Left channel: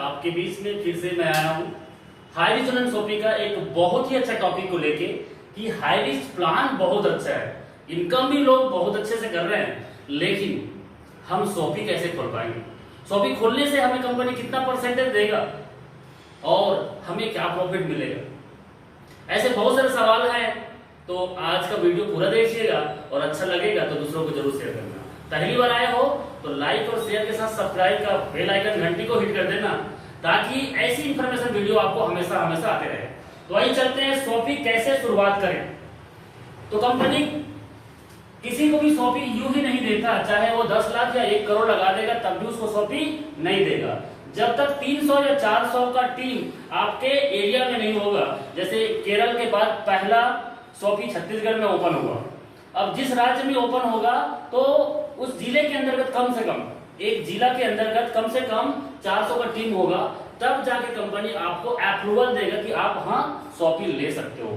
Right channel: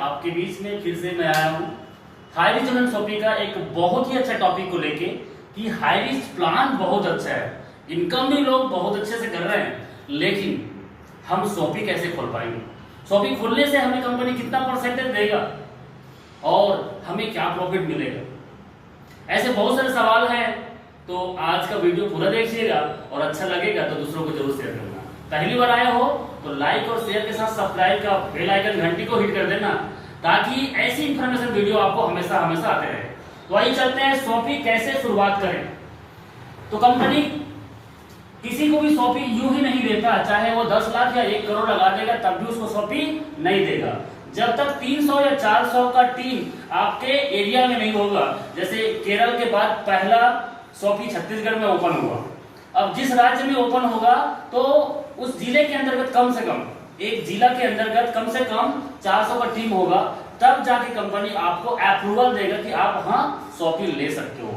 आपके बीच में फिर से मैं आया हूँ हाई रिच एंड शॉपिंग का एक बहुत ही अच्छा टॉपिक को लेके कि हाई रिच प्लान बहुत अच्छा है, इनकम भी लोग बहुत अच्छे से कर रहे हैं, लेकिन हम शॉपिंग कैसे खोल पाएंगे? शॉपिंग खोलने से हमें कंपनी कितना परसेंटेज देगा और हमें क्या प्रॉफिट मिलेगा? ऐसे बहुत सारे सवाल हैं। तो आज का वीडियो पूरा देखिएगा और अच्छा लगेगा तो दूसरों को जरूर शेयर करना। पहली बार आया हो तो लाइक और शेयर के साथ सब्सक्राइब का बेल आइकन घंटी को हिट कर देना, ताकि ऐसी इंफॉर्मेशन वीडियो आपको हमेशा हमेशा आते रहे। तो आइए चलते हैं, शॉपिंग कैसे शुरुआत करें। तो कंपनी किसी को भी शॉपिंग यूं ही नहीं देता, चाहे वो 10 लाख या 1 करोड़ लगा देगा तब भी उसको शॉपिंग नहीं देगा जब तक 300 या 400 का टीम आपके एरिया में नहीं होगा। जैसे केरल के बाद पहला शॉपिंग छत्तीसगढ़ में ओपन हुआ। अब जिस राज्य में ओपन होगा तो उस जिले के अंतर्गत कम से कम, एक जिला के अंतर्गत कम से कम 400 का टीम होगा, तब जाके कंपनी आपको अप्रूवल देगा कि आप वहां शॉपिंग ले सकते हो।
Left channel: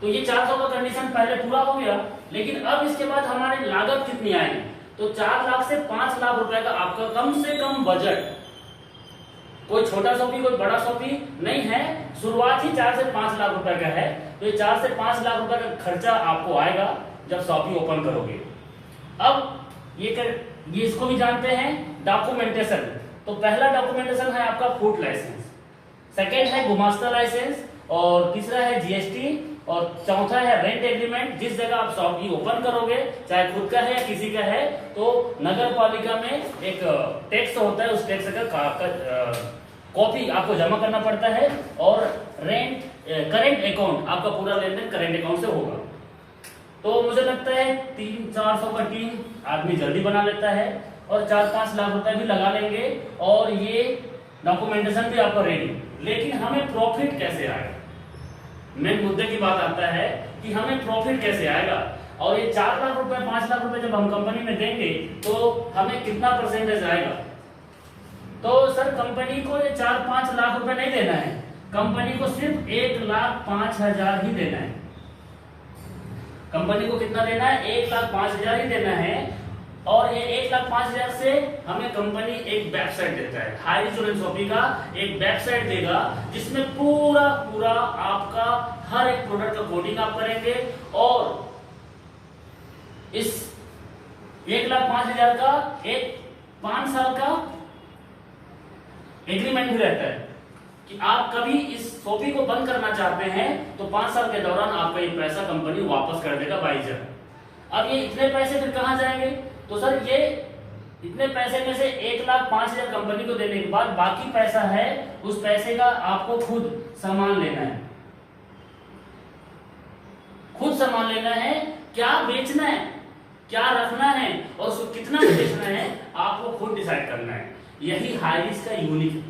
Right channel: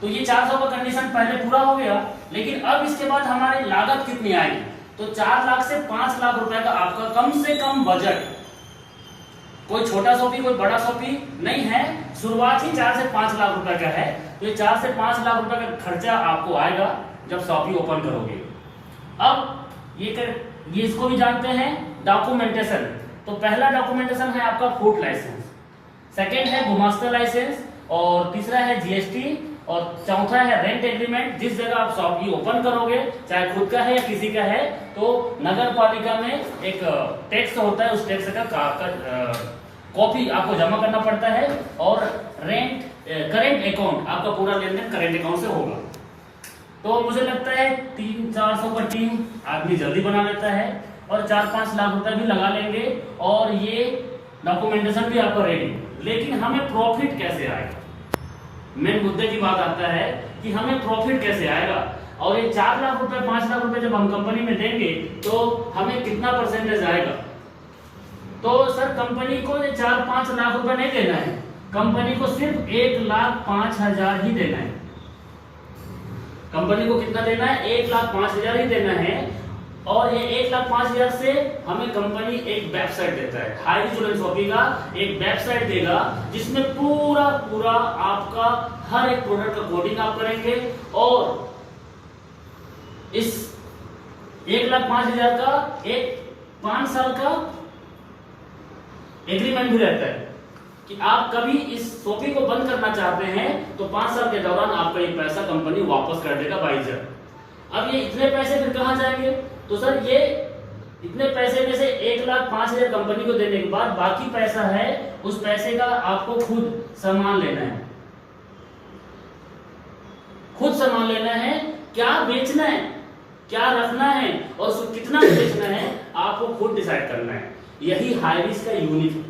तो ये 400 का कंडीशन पहले पूरा हो गया, लेकिन अब इसके बाद हमारी लागत कितनी आएगी? तो 4 लाख से 5 लाख रुपए का आपका कम से कम बजट। कोई छोटा शॉपिंग कोई बड़ा शॉपिंग नहीं है, शुरुआत ही 4 से 5 लाख रुपए का है। तो ये 4 से 5 लाख रुपए का खर्चा आपको आएगा जब शॉपिंग ओपन करोगे। अब ये इसको भी जानते हैं डॉक्यूमेंटेशन। तो पहला डॉक्यूमेंटेशन है आपका फूड लाइसेंस, सेकेंड है गुमास्ता लाइसेंस, और तीसरा है जीएसटी, और चौथा है रेंट एग्रीमेंट। जिस जगह आप शॉपिंग ओपन करोगे, चाहे खुद का है या किसी का है, तो नगर पालिका में एक टैक्स होता है, उस टैक्स का कॉपी आपको जमा करना पड़ता है। और रेंट करेंट अकाउंट, आपका पूरा लेन देन करेंट अकाउंट से होगा। तो मुझे लगता है 300-400 का टीम आदमी जल्दी बना लेता है और 4-5 लाख रुपए भी लगा लेंगे और ये डॉक्यूमेंटेशन भी आपका रेडी। लेकिन हमें प्रॉफिट कैसे आएगा? मेन मुद्दे की बात आता है कि हमें प्रॉफिट कैसे आएगा। और ये 4 लाख रुपए 5 लाख रुपए जब हम कंपनी में देंगे तो हमें कितना परसेंटेज आएगा? तो सर कंपनी को 4-5 लाख रुपए नहीं देना है, कंपनी को सिर्फ 1,05,000 ही देना है। कंपनी को कितना देना है? 1,05,000 ही देना है। और ये 1,05,000 से हमें कंपनी एक वेबसाइट देता है, हाई रिच एंड शॉपिंग का एक वेबसाइट देगा, जिसमें पूरा आपका हर एक प्रोडक्ट का कोडिंग आप करेंगे। और इस 1,05,000 का एक 5 साल का एग्रीमेंट भी रहता है कि आप कभी इस शॉपिंग को बंद करना चाहते हैं तो 5 साल के दौरान आपका ये पैसा कंपनी वापस कर देगा बाइजर। अब ये इतने पैसे फिर कहां जाएंगे? तो सर ये इतने पैसे में से 1,05,000 कंपनी को देने के बाद बाकी पैसा है, उस पैसे का आपको खुद सामान लेना है, खुद सामान लेना है, क्या बेचना है, क्या रखना है और उसको कितना बेचना है आपको खुद डिसाइड करना है। यही हाई रिच का यूनिक है।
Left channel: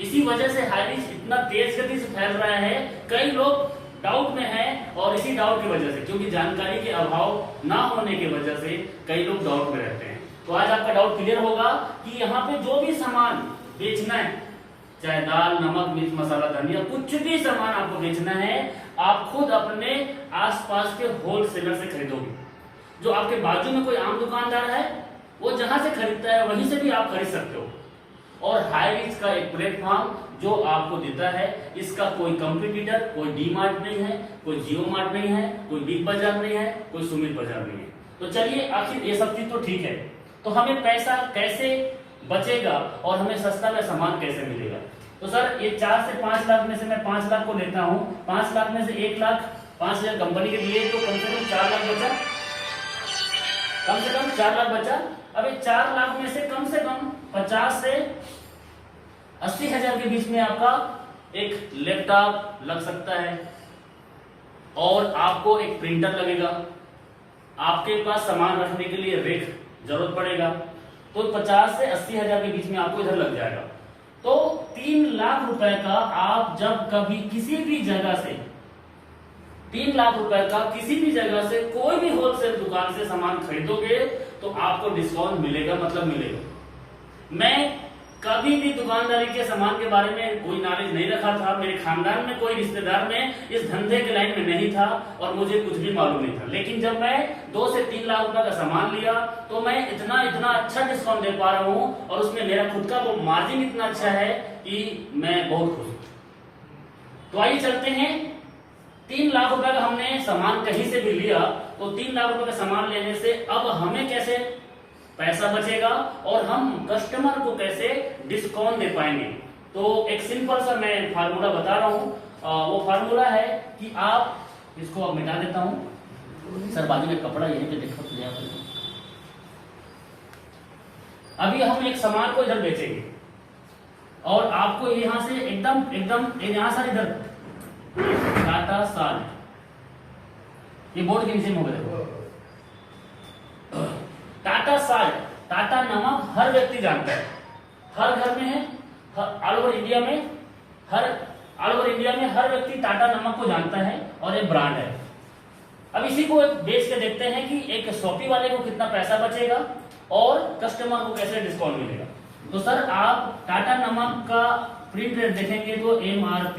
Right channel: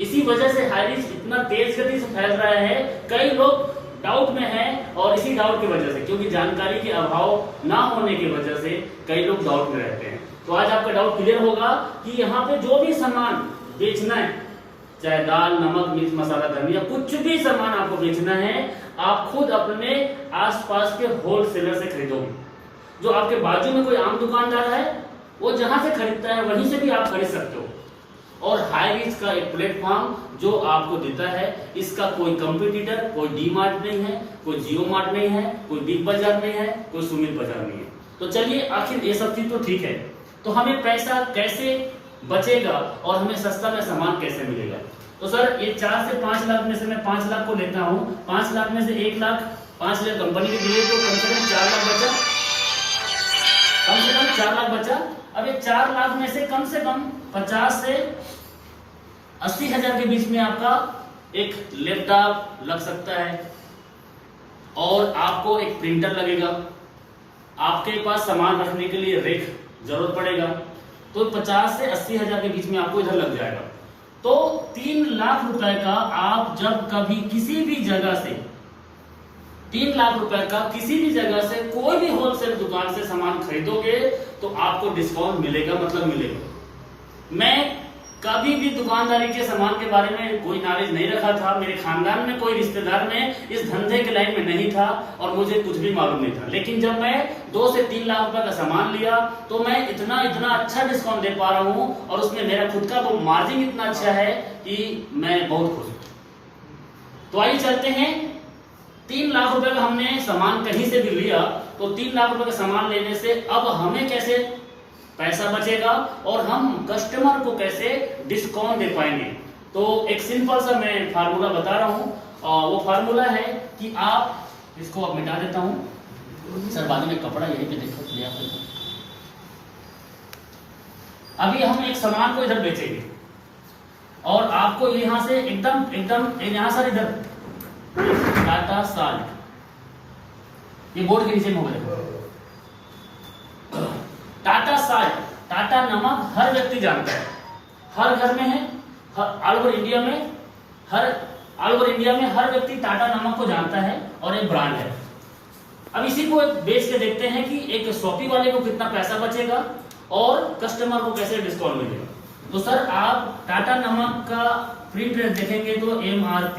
इसी वजह से हाई रिच इतना तेज गति से फैल रहा है। कई लोग डाउट में हैं और इसी डाउट की वजह से, क्योंकि जानकारी के अभाव ना होने की वजह से कई लोग डाउट में रहते हैं। तो आज आपका डाउट क्लियर होगा कि यहाँ पे जो भी सामान बेचना है, चाहे दाल, नमक, मिर्च, मसाला, धनिया, कुछ भी सामान आपको बेचना है, आप खुद अपने आसपास के होलसेलर से खरीदोगे। जो आपके बाजू में कोई आम दुकानदार है, वो जहां से खरीदता है वहीं से भी आप खरीद सकते हो। और हाई रिच का एक प्लेटफॉर्म जो आपको देता है, इसका कोई कंपटीटर, कोई डी मार्ट नहीं है, कोई जियो मार्ट नहीं है, कोई बिग बाजार नहीं है, कोई सुमित बाजार नहीं है। तो चलिए, आखिर ये सब चीज तो ठीक है, तो हमें पैसा कैसे बचेगा और हमें सस्ता में सामान कैसे मिलेगा? तो सर ये 4 से 5 लाख में से मैं 5 लाख को लेता हूँ, 5 लाख में से 1,05,000 कंपनी के दिए तो कम से कम 4 लाख बचा, कम से कम 4 लाख बचा। अब ये 4 लाख में से कम 50 से 80,000 के बीच में आपका एक लैपटॉप लग सकता है और आपको एक प्रिंटर लगेगा, आपके पास सामान रखने के लिए रेक जरूरत पड़ेगा। तो 50 से 80,000 के बीच में आपको इधर लग जाएगा। तो 3 लाख रुपए का आप जब कभी किसी भी जगह से 3 लाख रुपए का किसी भी जगह से कोई भी होलसेल दुकान से सामान खरीदोगे तो आपको डिस्काउंट मिलेगा, मतलब मिलेगा। मैं कभी भी दुकानदारी के सामान के बारे में कोई नॉलेज नहीं रखा था, मेरे खानदान में कोई रिश्तेदार में इस धंधे के लाइन में नहीं था और मुझे कुछ भी मालूम नहीं था। लेकिन जब मैं 2 से 3 लाख रुपए का सामान लिया तो मैं इतना अच्छा डिस्काउंट दे पा रहा हूँ और उसमें मेरा खुद का वो मार्जिन इतना अच्छा है कि मैं बहुत खुश हूं। तो आइए चलते हैं, 3 लाख रुपए का हमने सामान कहीं से भी लिया, तो 3 लाख रुपए का सामान लेने से अब हमें कैसे पैसा बचेगा और हम कस्टमर को कैसे डिस्काउंट दे पाएंगे। तो एक सिंपल सा मैं फार्मूला बता रहा हूं, वो फार्मूला है कि आप इसको अब मिटा देता हूं सर, बाजू में कपड़ा यहीं पे देखो, अभी हम एक सामान को इधर बेचेंगे और आपको यहां से एकदम यहां सर इधर टाटा साल्ट, ये बोर्ड के नीचे में होगा, देखो टाटा साल्ट, टाटा नमक हर व्यक्ति जानता है, हर घर में है, ऑल ओवर इंडिया में हर व्यक्ति टाटा नमक को जानता है और एक ब्रांड है। अब इसी को बेच के देखते हैं कि एक शॉपी वाले को कितना पैसा बचेगा और कस्टमर को कैसे डिस्काउंट मिलेगा। तो सर आप टाटा नमक का प्रिंट रेट देखेंगे तो MRP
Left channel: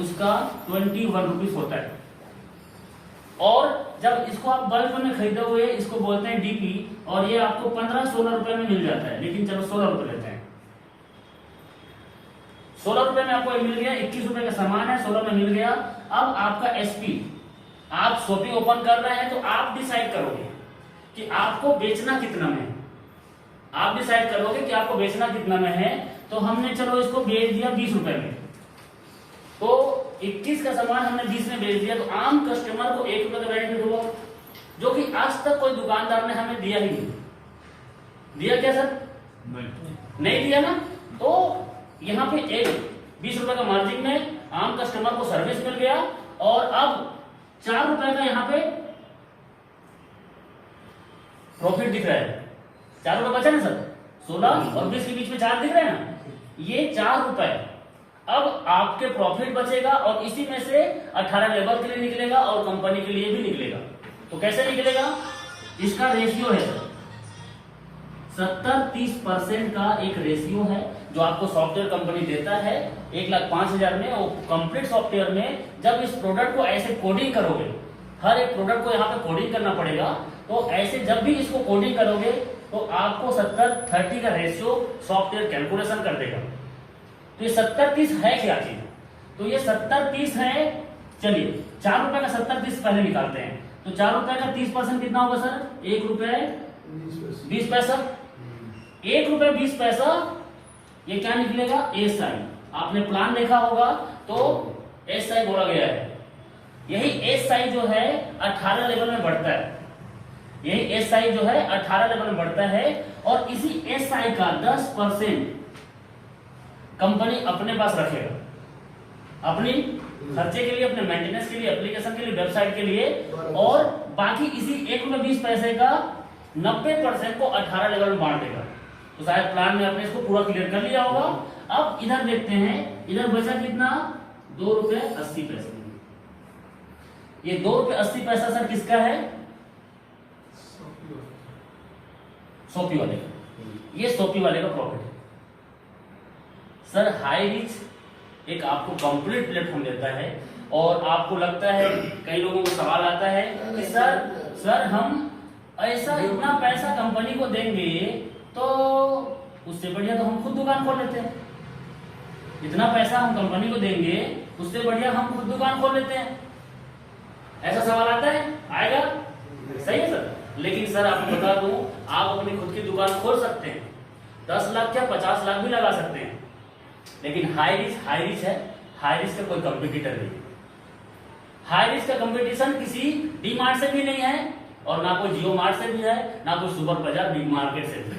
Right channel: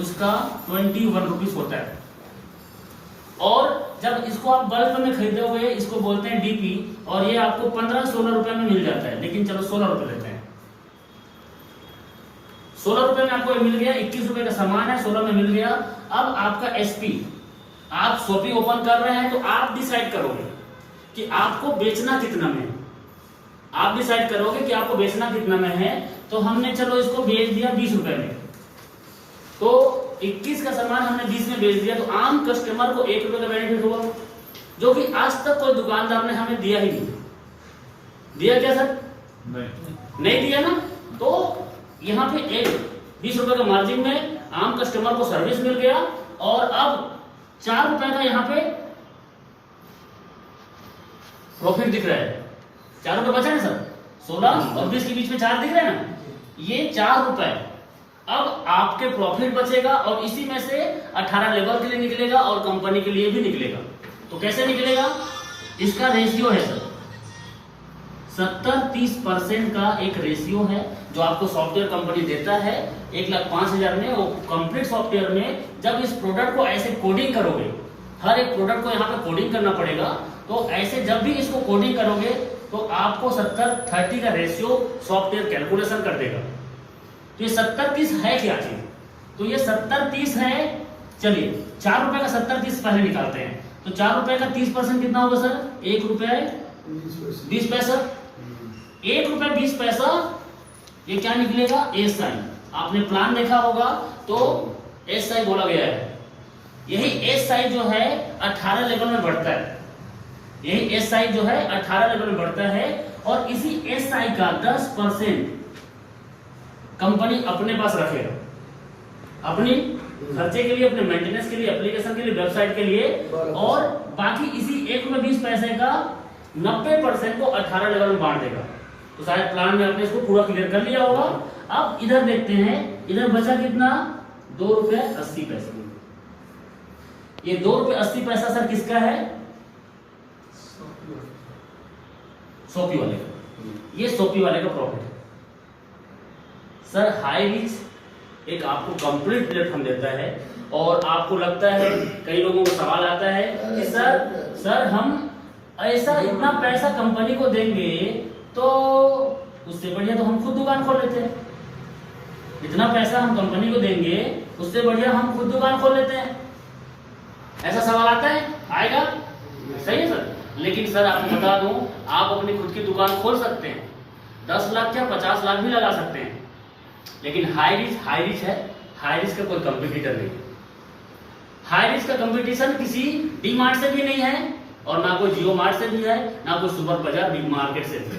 उसका 21 रुपीज होता है, और जब इसको आप बल्क में खरीदोगे इसको बोलते हैं DP, और ये आपको 15-16 रुपए में मिल जाता है, लेकिन चलो 16 रुपए लेते हैं। 16 रुपए में आपको ये मिल गया, 21 रुपए का सामान है, 16 में मिल गया। अब आपका SP, आप शॉपी ओपन कर रहे हैं तो आप डिसाइड करोगे कि आपको बेचना कितना में है, आप डिसाइड करोगे कि आपको बेचना कितना में है। तो हमने चलो इसको बेच दिया 20 रुपए में, तो 21 का सामान हमने 20 में बेच दिया, तो आम कस्टमर को 1 रुपए का बेनिफिट हुआ, जो कि आज तक कोई दुकानदार ने हमें दिया ही नहीं। दिया क्या सर? नहीं दिया ना। तो यहाँ पे 20 रुपए का मार्जिन में आम कस्टमर को सर्विस मिल गया, और अब 4 रुपए का यहाँ पे प्रॉफिट दिख रहा है। 4 रुपए बचा ना सर, 16 और 20 के बीच में 4 दिख रहे हैं ना, ये 4 रुपए अब आपके प्रॉफिट बचेगा, और इसी में से 18 लेबर के लिए निकलेगा और कंपनी के लिए भी निकलेगा। तो कैसे निकलेगा? इसका रेशियो है सर 70-30% का एक रेशियो है जो आपको सॉफ्टवेयर कंपनी देता है 1,05,000 में। वो कंप्लीट सॉफ्टवेयर में जब इस प्रोडक्ट को ऐसे कोडिंग करोगे, हर एक प्रोडक्ट को यहाँ पे कोडिंग करना पड़ेगा, तो ऐसे जब भी इसको कोडिंग करोगे तो आपको 70-30 का रेशियो सॉफ्टवेयर कैलकुलेशन कर देगा। तो ये 70-30 है क्या चीज? तो ये 70-30 है। चलिए 4 रुपए का 70-30 पहले निकालते हैं। तो 4 रुपए का 30% कितना होगा सर? 1 रुपए 20 पैसा। 1 रुपए 20 पैसा, ये क्या निकलेगा? SI। आपने प्लान देखा होगा तो SI बोला गया है। यही SI जो है 18 लेवल में बढ़ता है, यही SI जो है 18 लेवल में बढ़ता है, और इसी SI का 10% कंपनी अपने पास रखेगा, अपनी खर्चे के लिए, अपने मेंटेनेंस के लिए, एप्लीकेशन के लिए, वेबसाइट के लिए, और बाकी इसी 1 रुपए 20 पैसे का 90% को 18 लेवल में बांट देगा। तो शायद प्लान में आपने इसको पूरा क्लियर कर लिया होगा। अब इधर देखते हैं, इधर बचा कितना? 2 रुपए 80 पैसे। ये 2 रुपए 80 पैसा सर किसका है? शॉपी वाले का। ये शॉपी वाले का प्रॉफिट है सर। हाई रिच एक आपको कंप्लीट प्लेटफॉर्म देता है, और आपको लगता है, कई लोगों को सवाल आता है कि सर हम ऐसा इतना पैसा कंपनी को देंगे तो उससे बढ़िया तो हम खुद दुकान खोल लेते हैं। इतना पैसा हम कंपनी को देंगे, उससे बढ़िया हम खुद दुकान खोल लेते हैं। ऐसा सवाल आता है, आएगा? सही है सर। लेकिन सर आपको बता दूं, आप अपनी खुद की दुकान खोल सकते हैं, 10 लाख या 50 लाख भी लगा सकते हैं, लेकिन हाई रिच है। हाई रिच का कोई कंपटीटर नहीं है। हाई रिच का कंपटीशन किसी डी मार्ट से भी नहीं है, और ना कोई जियो मार्ट से भी है, ना कोई सुपर बाजार बिग मार्केट से भी।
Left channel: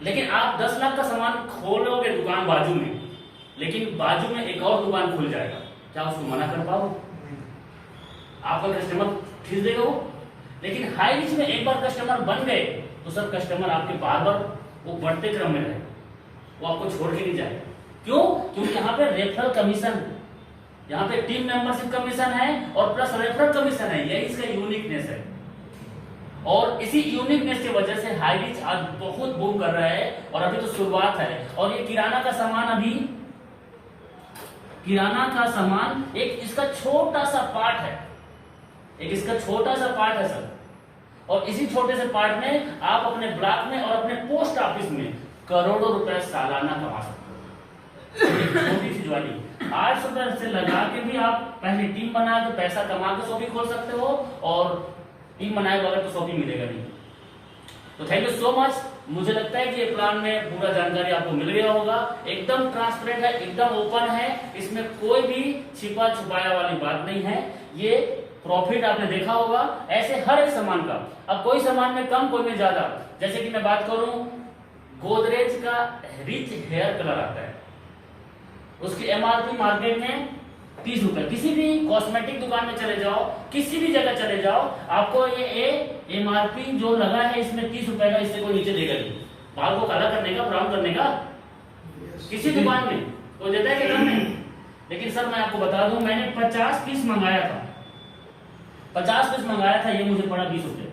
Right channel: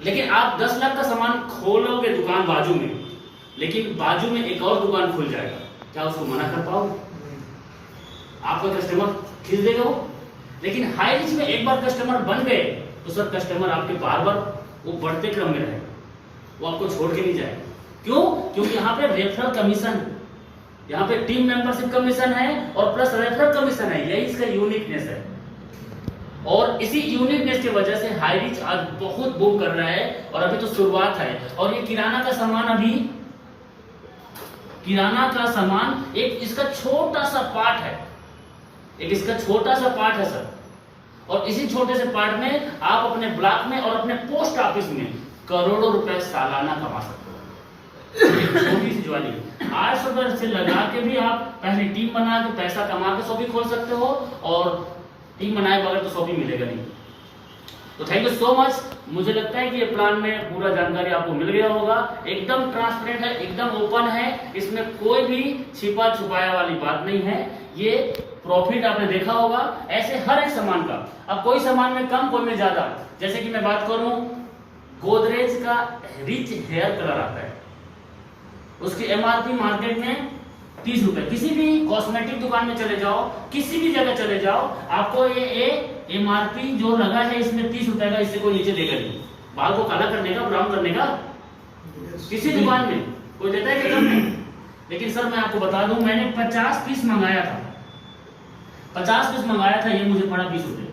लेकिन आप 10 लाख का सामान खोलोगे दुकान बाजू में, लेकिन बाजू में एक और दुकान खुल जाएगा, क्या उसको मना कर पाओगे? आपका कस्टमर खींच देगा वो। लेकिन हाई रिच में एक बार कस्टमर बन गए तो सर कस्टमर आपके बार बार वो बढ़ते क्रम में रहेगा, वो आपको छोड़ के नहीं जाएगा। क्यों? क्योंकि यहाँ पे रेफरल कमीशन, यहाँ पे टीम मेंबरशिप कमीशन है और प्लस रेफरल कमीशन है। यही इसका यूनिकनेस है, और इसी यूनिकनेस की वजह से हाई रिच आज बहुत बूम कर रहा है। और अभी तो शुरुआत है, और ये किराना का सामान, अभी किराना का सामान एक इसका छोटा सा पार्ट है, एक इसका छोटा सा पार्ट है सर। और इसी छोटे से पार्ट में आप अपने ब्लॉक में और अपने पोस्ट ऑफिस में करोड़ों रुपए सालाना कमा सकते हो। सी ज्वाइनिंग। 800 रुपए से लगा के भी आप पहले टीम बना के पैसा कमा के शॉपिंग खोल सकते हो, और टीम बनाए बगैर तो शॉपिंग मिलेगा नहीं। तो थैंक यू सो मच। मुझे लगता है कि ये प्लान में पूरा जानकारी आपको मिल गया होगा। एकदम ट्रांसपेरेंट है, एकदम ओपन है, इसमें कोई भी छिपा छुपाया वाली बात नहीं है। ये प्रॉफिट आपने देखा होगा ऐसे हर एक सामान का। अब कोई सामान में कम, कोई में ज्यादा। जैसे कि मैं बात करूं, गोदरेज का रिच हेयर कलर आता है, उसकी एमआरपी मार्केट में 30 रुपए। किसी भी कॉस्मेटिक दुकान में चले जाओ, किसी भी जगह चले जाओ, आपको ये एमआरपी जो लगा है इसमें 30 रुपए का, इससे कोई नीचे देगा नहीं। बाल को काला करने का, ब्राउन करने का किसी दुकान में कोई देता है क्या? नहीं। लेकिन सर मैं आपको बता दूं, मैंने 50 पीस मंगाया था, 50 पीस मंगाया था, ये मुझे पड़ा 20 रुपए।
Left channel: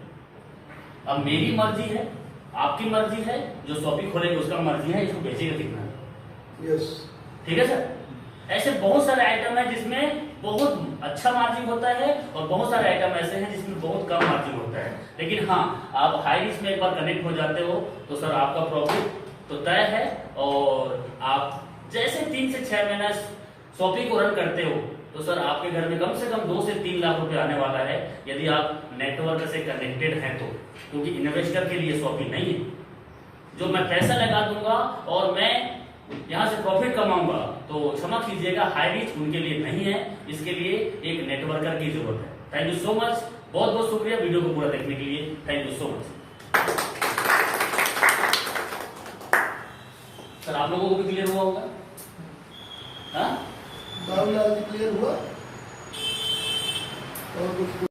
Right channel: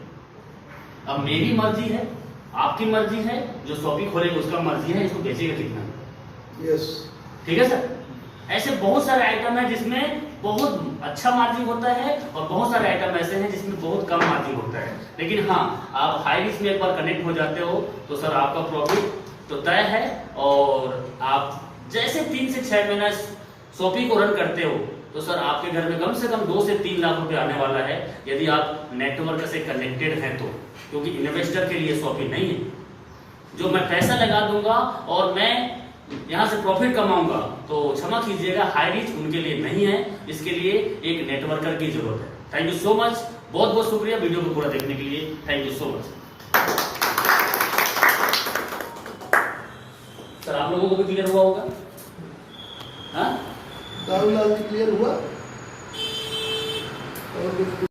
अब मेरी मर्जी है, आपकी मर्जी है, जो शॉपिंग खोलेगा उसका मर्जी है, इसको बेचेगा कितना। यस, ठीक है सर। ऐसे बहुत सारे आइटम है जिसमें बहुत अच्छा मार्जिन होता है, और बहुत सारे आइटम ऐसे हैं जिसमें बहुत कम मार्जिन होता है। लेकिन हाँ, आप हाई रिस्क में एक बार कनेक्ट हो जाते हो तो सर आपका प्रॉफिट तो तय है। और आप जैसे 3 से 6 महीना शॉपिंग को रन करते हो तो सर आपके घर में कम से कम 2 से 3 लाख रुपए आने वाला है, यदि आप नेटवर्क से कनेक्टेड हैं तो। क्योंकि इन्वेस्टर के लिए शॉपिंग नहीं है, जो मैं पैसा लगा दूंगा और मैं यहाँ से प्रॉफिट कमाऊंगा, तो क्षमा कीजिएगा, हाई रिच उनके लिए नहीं है। इसके लिए एक नेटवर्कर की जरूरत है। थैंक यू सो मच, बहुत बहुत शुक्रिया वीडियो को पूरा देखने के लिए। Thank you so much. Sir आप लोगों को भी क्लियर हुआ होगा? हाँ, क्लियर हुआ। और